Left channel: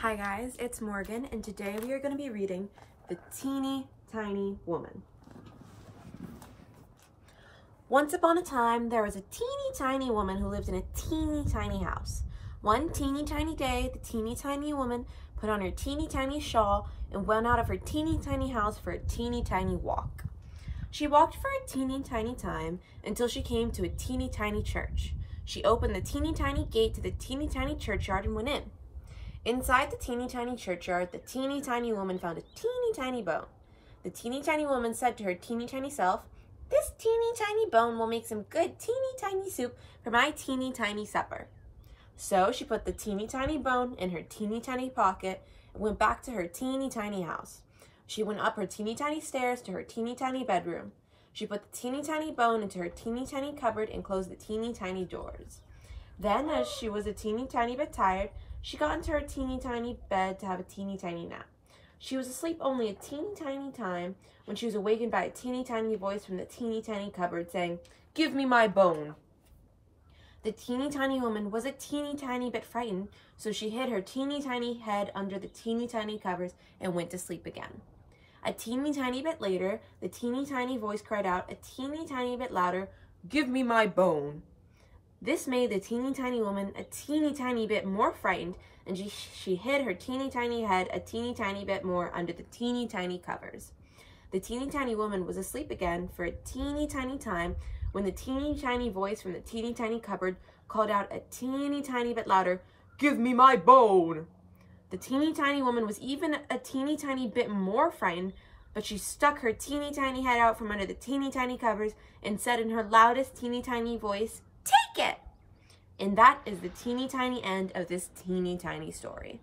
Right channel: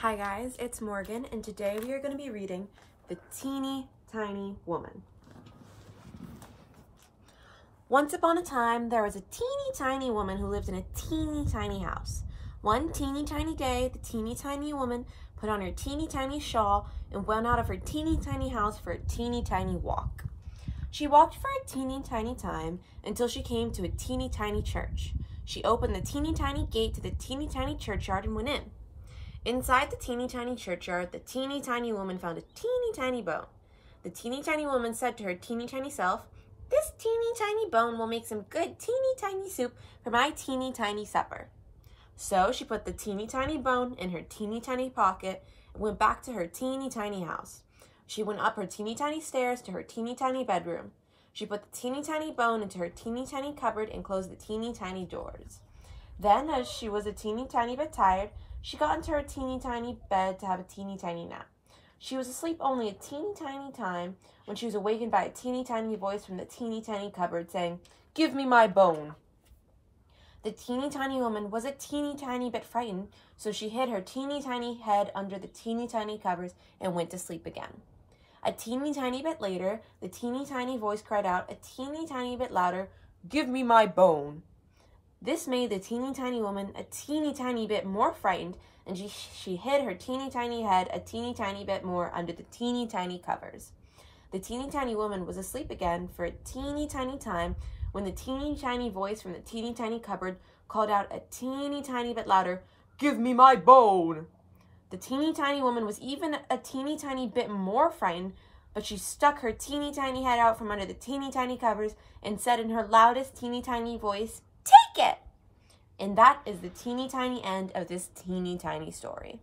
Hi guys, it's Morgan, and today we are going to be reading The Teeny Tiny Woman. Once upon a time, there was a teeny tiny woman who lived in a teeny tiny house. One teeny tiny day, the teeny tiny woman put on her teeny tiny shawl and went out of her teeny tiny house for a teeny tiny walk. She walked for a teeny tiny time until she came to a teeny tiny church. She opened the teeny tiny gate to the teeny tiny churchyard and went in. Inside the teeny tiny churchyard, the teeny tiny woman found a teeny tiny bone. The teeny tiny woman said to her teeny tiny self, "This teeny tiny bone will make some good teeny tiny soup for my teeny tiny supper." So she put the teeny tiny bone in her teeny tiny pocket and went back to her teeny tiny house. She went up her teeny tiny stairs to her teeny tiny bedroom. She put the teeny tiny bone into her teeny tiny cupboard and closed the teeny tiny doors. Then, as she was a teeny tiny bit tired, she got into her teeny tiny bed to have a teeny tiny nap. She was asleep only a teeny tiny time when she was awakened by a teeny tiny voice from the teeny tiny cupboard saying, "Give me my bone." The teeny tiny woman was a teeny tiny bit frightened, so she hid her teeny tiny head under the teeny tiny covers and went to sleep again. A teeny tiny bit later, the teeny tiny voice cried out a teeny tiny bit louder, "Give me my bone." This made the teeny tiny woman a teeny tiny bit more frightened, and she hid her teeny tiny head a teeny tiny bit more under the teeny tiny covers. The teeny tiny woman was asleep again for a teeny tiny time when the teeny tiny voice from the teeny tiny cupboard called out a teeny tiny bit louder, "Give me my bone." The teeny tiny woman was even a teeny tiny bit more frightened, but she stuck her teeny tiny head out from under the teeny tiny covers and said in her loudest teeny tiny voice, "Take it!" And that is the teeny tiny end of this teeny tiny story.